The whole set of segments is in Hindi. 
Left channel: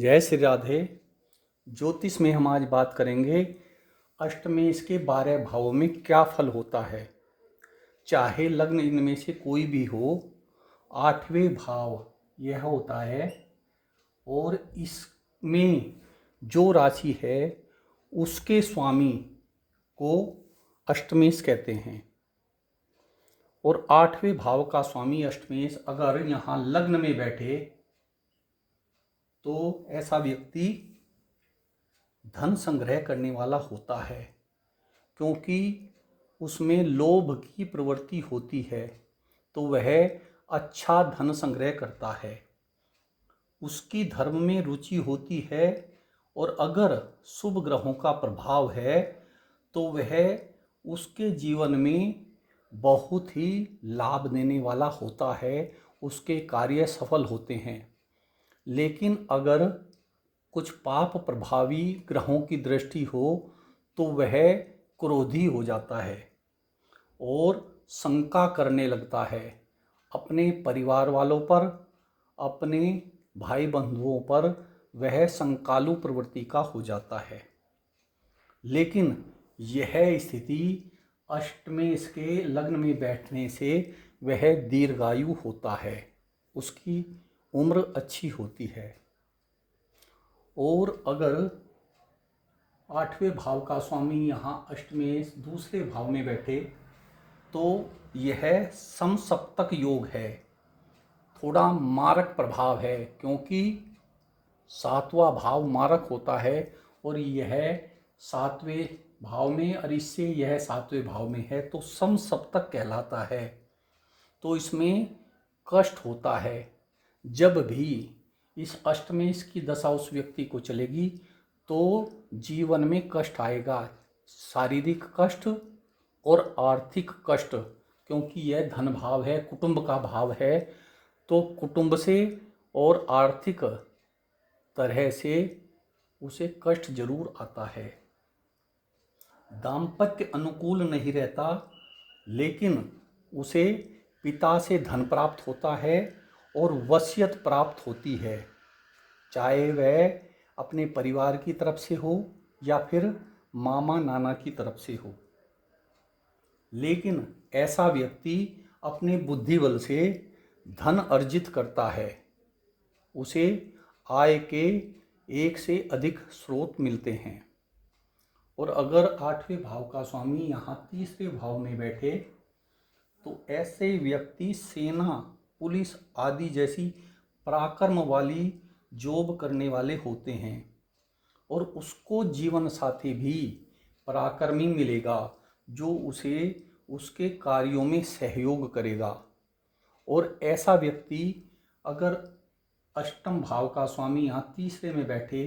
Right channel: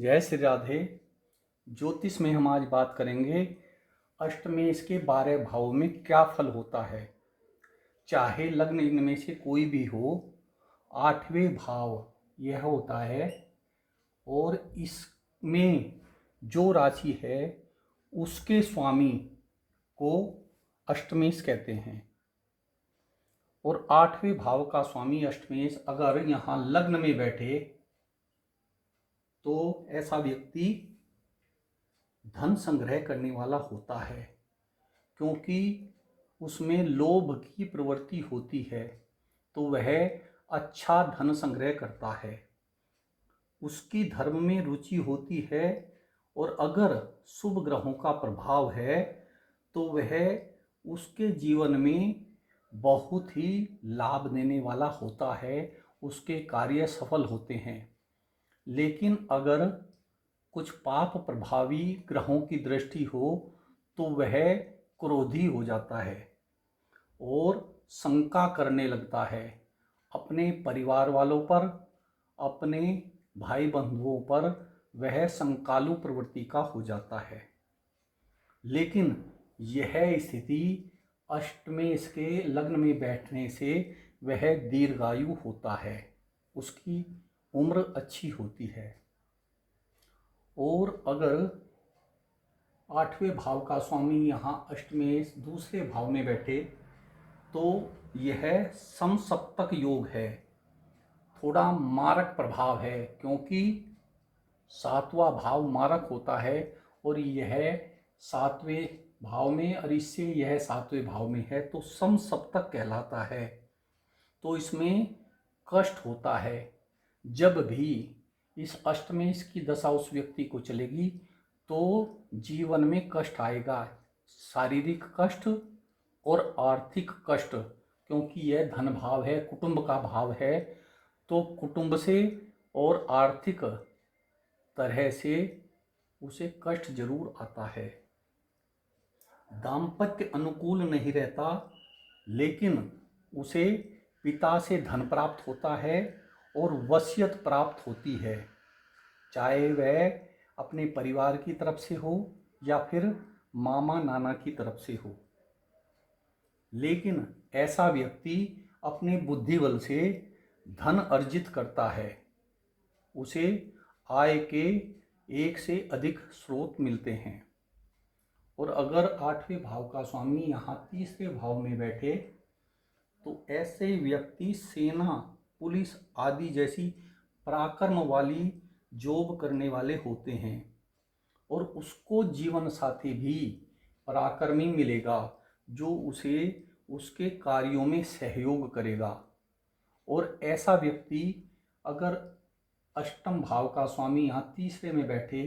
जय श्री राधे। ज्योतिष में हम आज बात करेंगे अष्टमेश के 12 भावों में क्या फल होता है। चाहे लग्न इनमें से कोई भी हो, 8वें भाव यह होता है और इसमें जो राशि है उसके स्वामी को अष्टमेश कहते हैं। और 8वें भाव का स्वामी अष्टमेश अगर यहाँ लग्न में बैठे तो ऐसा व्यक्ति धन संग्रह करने वाला होता है, क्योंकि उसमें लोभ की प्रवृत्ति होती है तो वह अच्छा धन संग्रह करता है। उसकी धर्म में रुचि होती है और अगर शुभ ग्रहों का प्रभाव है तो वह उसके जीवन में बहुत ही लाभ देने वाला होता है, उसके कार्य सफल होते हैं। लेकिन अगर कुछ पाप प्रभावी ग्रहों की दृष्टि हो तो वह क्रोधी हो जाता है और शंका करने लगता है अपने परिवार वालों पर, अपने भाई बंधुओं पर। वह शंकालु प्रवृत्ति का हो जाता है। लेकिन यह स्थिति अष्टमेश के लग्न में बैठने से वह दीर्घायु होता है, उसकी उम्र अच्छी होती है। और अगर 8वें भाव का स्वामी यहाँ अष्टमेश दूसरे भाव में बैठे तो यह समसप्तक योग है, थोड़ा मारक प्रभाव है, क्योंकि 7वां भाव मारक होता है और यह 7वें भाव में, और इससे यह 7वें भाव में है तो समसप्तक कहलाता है। तो इसमें कष्ट होता है। जब भी इस अष्टमेश की दशा उस व्यक्ति को चलेगी तो जीवन में कष्ट आएगा, शारीरिक कष्ट और आर्थिक कष्ट, क्योंकि यह धन भाव है, कुटुंब का भाव है। तो कुटुंब से और आर्थिक तरह से उसे कष्ट जरूर आता है। दाम्पत्य अनुकूल नहीं रहता, लेकिन उसे पिता से धन प्राप्त होता है और वसीयत प्राप्त होती है, चाहे वह अपने परिवार की तरफ से हो या फिर मामा नाना की तरफ से हो। लेकिन ऐसा व्यक्ति अपने बुद्धि बल से धन अर्जित करता है, उसे आय के एक से अधिक स्रोत मिलते हैं। और अगर 8वें भाव का स्वामी यहाँ तीसरे भाव में बैठे तो ऐसे व्यक्ति सेना, पुलिस आदि जैसी पराक्रम वाली जॉब करने वाले होते हैं और उसको जीवन साथी भी पराक्रमी मिलेगा जो उसे उसके कार्यों में सहयोग करेगा। और ऐसा व्यक्ति अगर अष्टम भाव का स्वामी यहाँ तीसरे में बैठे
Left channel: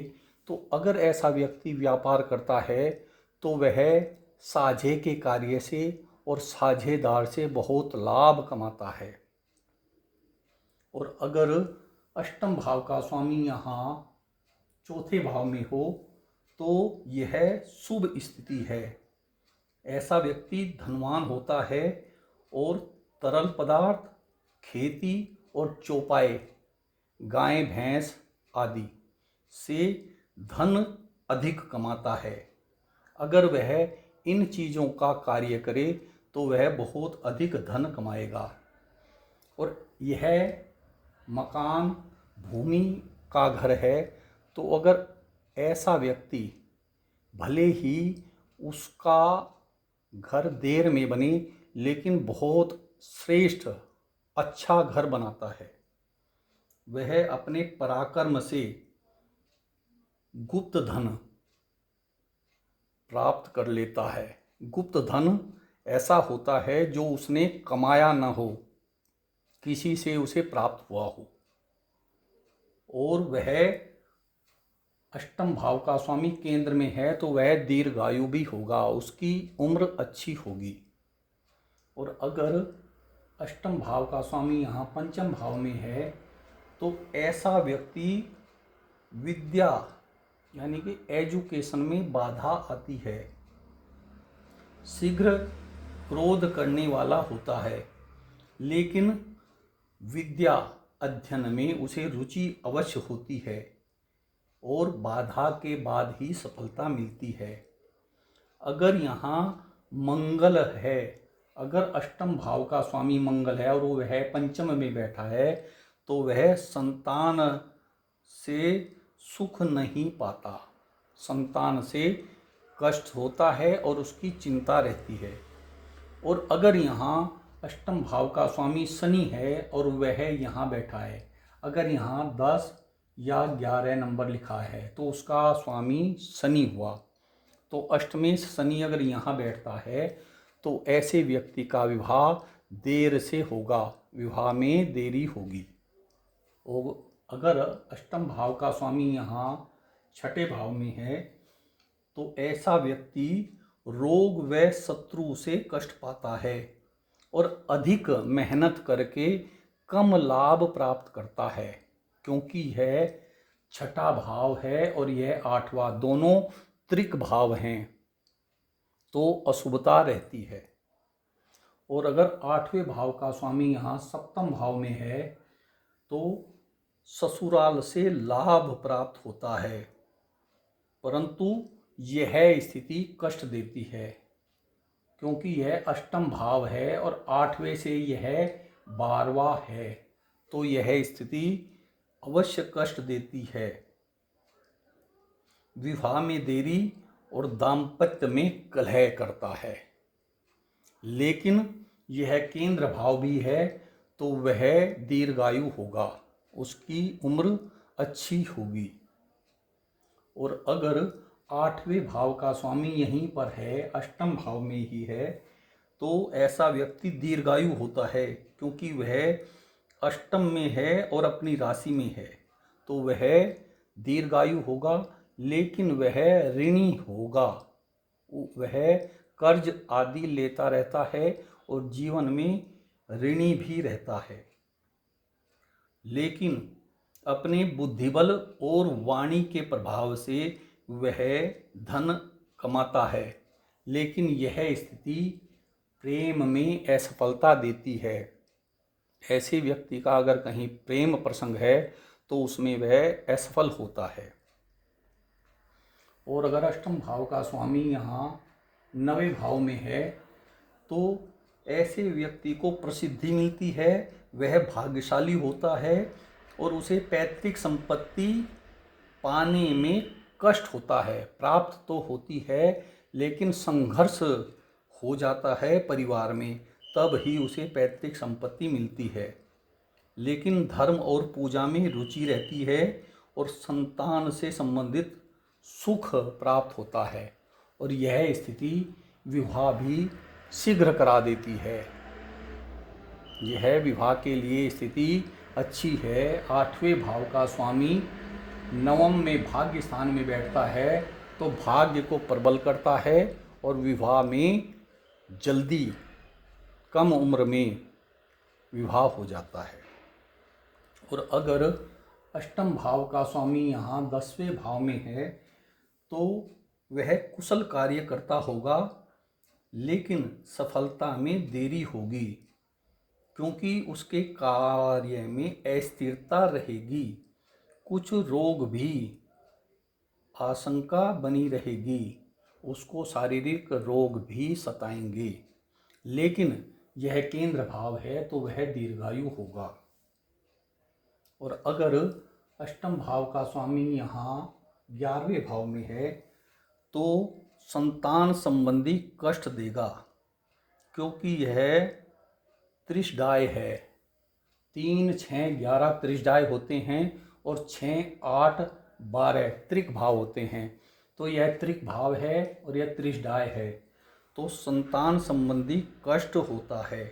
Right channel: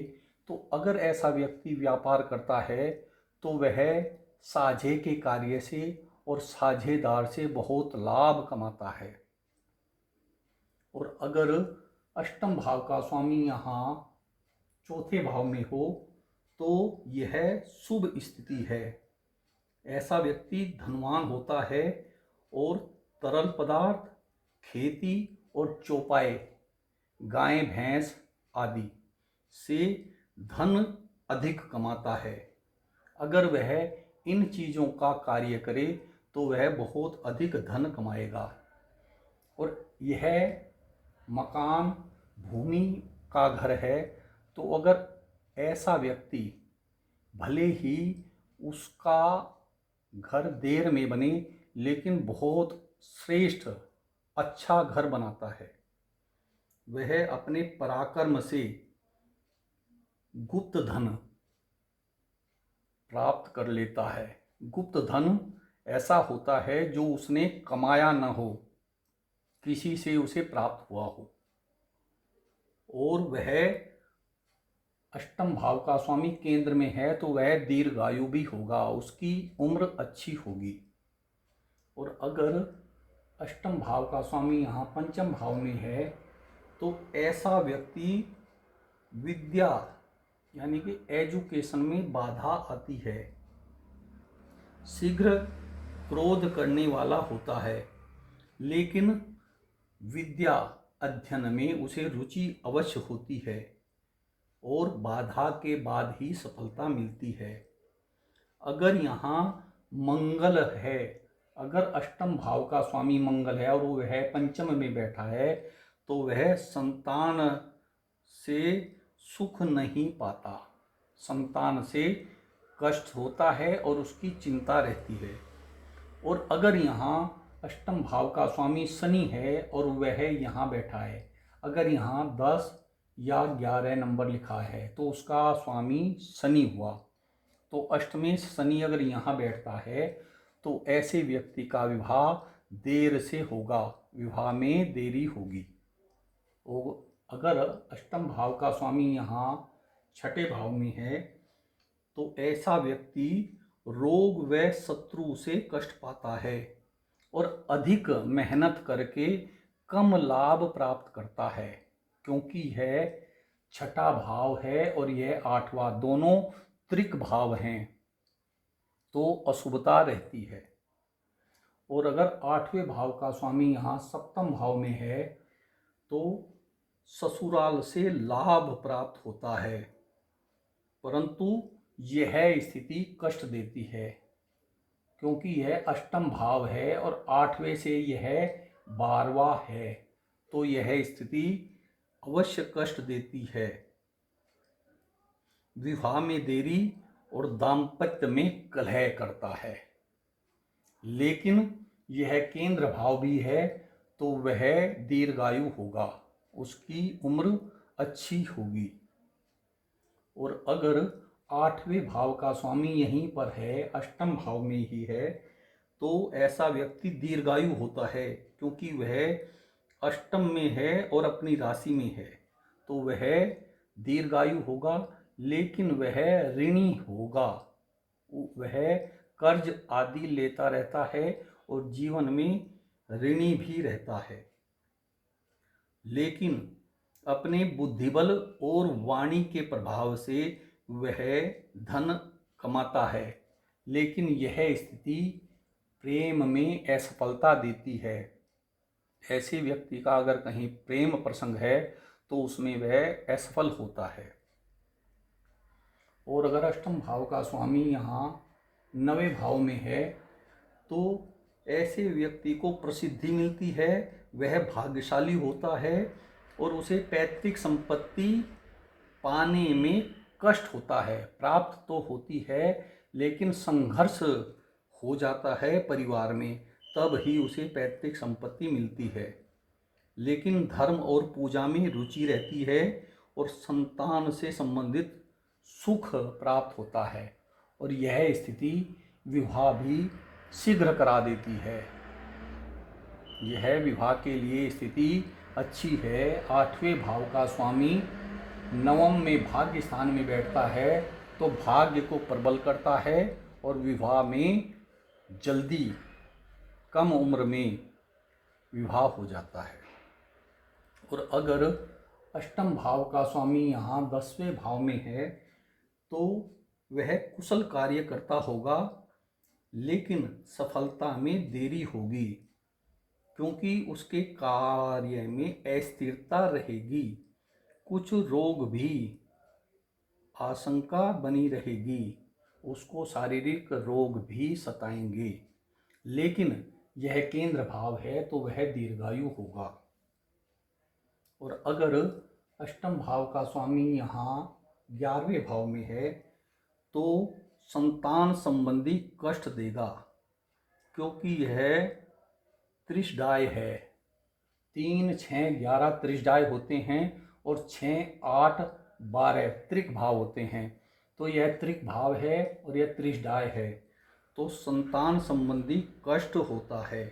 तो अगर ऐसा व्यक्ति व्यापार करता है तो वह साझे के कार्य से और साझेदार से बहुत लाभ कमाता है। और अगर अष्टम भाव का स्वामी यहाँ चौथे भाव में हो तो यह शुभ स्थिति है। ऐसा व्यक्ति धनवान होता है और तरल पदार्थ, खेती और चौपाए, गाय भैंस आदि से धन अधिक कमाता है। अगर वह इन चीज़ों का कार्य करे तो वह बहुत अधिक धन कमाएगा। और यह मकान, भूमि का घर है तो अगर ऐसा व्यक्ति, भले ही उसका घर देर में बने लेकिन बहुत श्रेष्ठ अच्छा घर बनाता है, वह अपने पराक्रम से गुप्त धन प्राप्त कर लेता है। गुप्त धन ऐसा होता है जो उसने कमाया न हो, किसी से उसे प्राप्त हुआ हो। और वह अष्टम भाव का स्वामी केंद्र में है तो वह दीर्घायु भी होगा, उसकी उम्र अच्छी होगी। और अगर अष्टम भाव का स्वामी यहाँ पंचम भाव में है तो ऐसा व्यक्ति विद्या यानी कि एजुकेशन में बाधा आती है, शीघ्र क्रोध करने वाला होता है, लेकिन विद्या अध्ययन में उसे रुचि अवश्य होती है। और बाधा के बाद ही सफलता मिलती है। अगर यहाँ मंगल है, अगर अष्टम भाव का स्वामी मंगल है और वह पंचम में बैठा है, तो वह संतान से सुख नहीं पाता, संतान से कष्ट होता है और उसकी चिंता रहती है। और अगर यहाँ अष्टम भाव का स्वामी शनि है और वह यहाँ बैठा है, अगर यहाँ 10 या 11 नंबर लिखा है तो उसका स्वामी शनि हुआ। तो अष्टमेश शनि अगर यहाँ बैठता है तो ऐसे व्यक्ति का विवाह देर से होगा, विवाह में देरी होगी। और अगर अष्टम भाव का स्वामी यहाँ छठे भाव में है तो ऐसा व्यक्ति रोग व शत्रु से कष्ट पाता है और अधिक मेहनत करके कम लाभ प्राप्त करता है, क्योंकि यह छठा भाव है और यह आठवां, दोनों त्रिक भाव हैं, तो अशुभता रहती है। और अगर आठवें भाव का स्वामी यहाँ सप्तम भाव में है तो ससुराल से लाभ प्राप्त होता है, परंतु यह स्थिति कष्ट देती है, क्योंकि यह अष्टम भाव है और आठवें से यह 12वां है, तो यह स्थिति अवश्य कष्ट देती है। विवाह में देरी और दाम्पत्य में कलह करता है। लेकिन यह केंद्र भाव भी है तो वह दीर्घायु होगा, उसकी उम्र अच्छी होगी। और अगर आठवें भाव का स्वामी यहीं पर है, अष्टम भाव में ही है, तो ऐसा व्यक्ति दीर्घायु होता है, क्योंकि वह अष्टम में है और अपनी राशि में है, तो वह दीर्घायु होगा। लेकिन वह ऋणी होगा, वह कर्ज आदि लेता रहता है और जीवन में ऋणी भी रहता है। लेकिन अपने बुद्धिबल और वाणी के प्रभाव से वह धन कमाता है, लेकिन यह स्थिति प्रेम में असफलता देती है। ऐसे व्यक्ति का अगर कहीं प्रेम प्रसंग है तो उसमें वह असफल होता है। और अगर अष्टम भाव का स्वामी यहाँ 9वें भाव में है तो ऐसे व्यक्ति को प्रसिद्धि मिलती है, वह भाग्यशाली होता है और उसे पैतृक संपत्ति पाने में कष्ट होता है। प्राप्त तो होती है लेकिन संघर्ष हो जाता है परिवार में, तब ही उसे पैतृक संपत्ति मिलती है। लेकिन धर्म और पूजा में रुचि रहती है और संतान से संबंधित सुख प्राप्त होता है और यह स्थिति विवाह भी शीघ्र करा देती है। यह विवाह के लिए स्थिति अच्छी है। 8वें भाव का स्वामी नवम में भाग्य स्थान में बैठता है तो भाग्य को प्रबल करता है और विवाह में जल्दी कम उम्र में विवाह हो जाता है। और अगर अष्टम भाव का स्वामी यहाँ 10वें भाव में है तो वह कुशल कार्य करता होगा, लेकिन सफलता में देरी होगी, क्योंकि उसके कार्य में अस्थिरता रहेगी। कुछ रोग भी आशंका बनी रहेगी, उसको शारीरिक रोग भी सताएंगे, लेकिन यह केंद्र भाव है तो वह दीर्घायु होगा। और अगर अष्टम भाव का स्वामी यहाँ 11वें भाव में है तो संतान संबंधी कष्ट देगा, क्योंकि यह त्रिशदाय है। 3, 6, 11 त्रिशदाय होते हैं और 6, 8, 12 त्रिक भाव होते हैं, तो यह त्रिक भाव है और यह त्रिशदाय है, तो संतान संबंधी कष्ट होता है।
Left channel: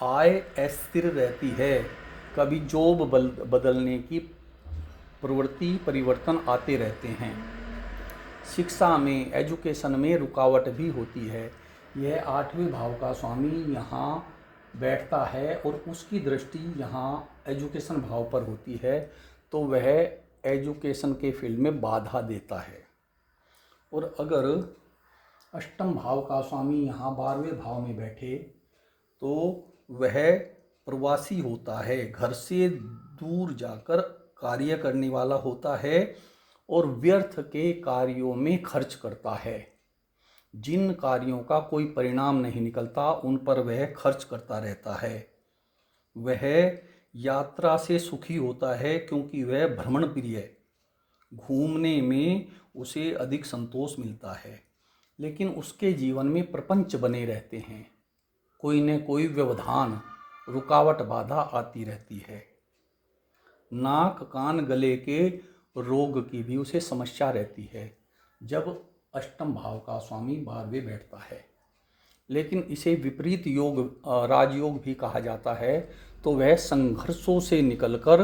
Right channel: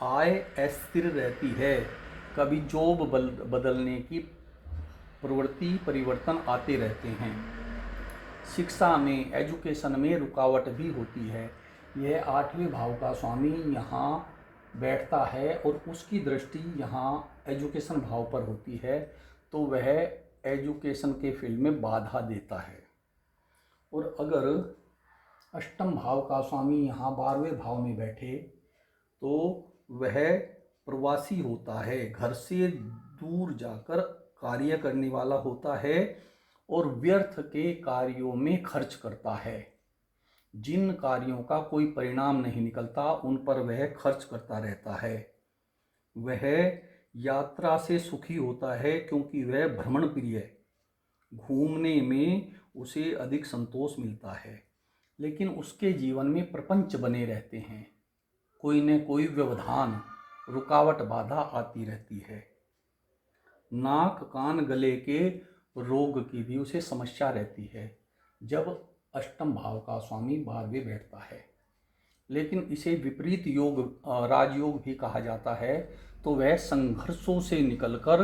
आय अस्थिर रहती है, कभी जॉब बदलने की प्रवृत्ति परिवर्तन आते रहते हैं। शिक्षा में, एजुकेशन में रुकावट भी होती है। यह 8वें भाव का स्वामी यहाँ बैठता है और उसकी दृष्टि यहाँ एजुकेशन भाव पर होती है, तो वह एजुकेशन के फील्ड में बाधा देता है। और अगर अष्टम भाव का स्वामी यहाँ 12वें भाव में बैठे तो वह प्रवासी होता है, घर से दूर जाकर कार्य करने वाला होता है और व्यर्थ के कार्यों में खर्च करता है। जिन कार्यों का कोई परिणाम नहीं निकलता उन पर वह खर्च करता रहता है। वह यात्रा से सुखी होता है क्योंकि वह भ्रमण प्रिय है। घूमने में उसे अधिक संतोष मिलता है, लेकिन उसके जीवन में प्रपंच बने रहते हैं। कोई न कोई व्यवधान, रुकावट, बाधा आती रहती है। नाक कान गले के रोग की भी उसे समस्या रहती है जब अष्टम भाव का स्वामी 12वें बैठता है। लेकिन इसे विपरीत योग, राजयोग भी कहा जाता है। तो वह संघर्षों से निकलकर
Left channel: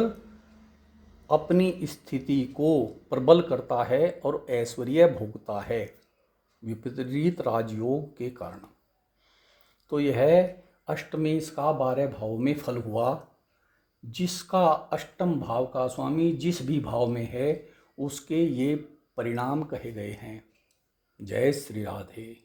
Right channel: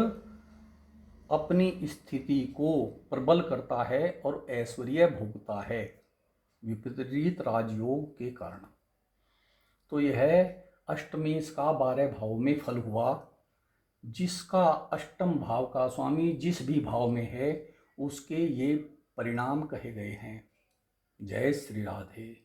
अपनी स्थिति को प्रबल करता है और ऐश्वर्य भोगता है विपरीत राजयोग के कारण। तो यह अष्टमेश का 12 भाव में फल हुआ। जिसका अष्टम भाव का स्वामी जिस भी भाव में है उसके ये परिणाम कहे गए हैं। जय श्री राधे।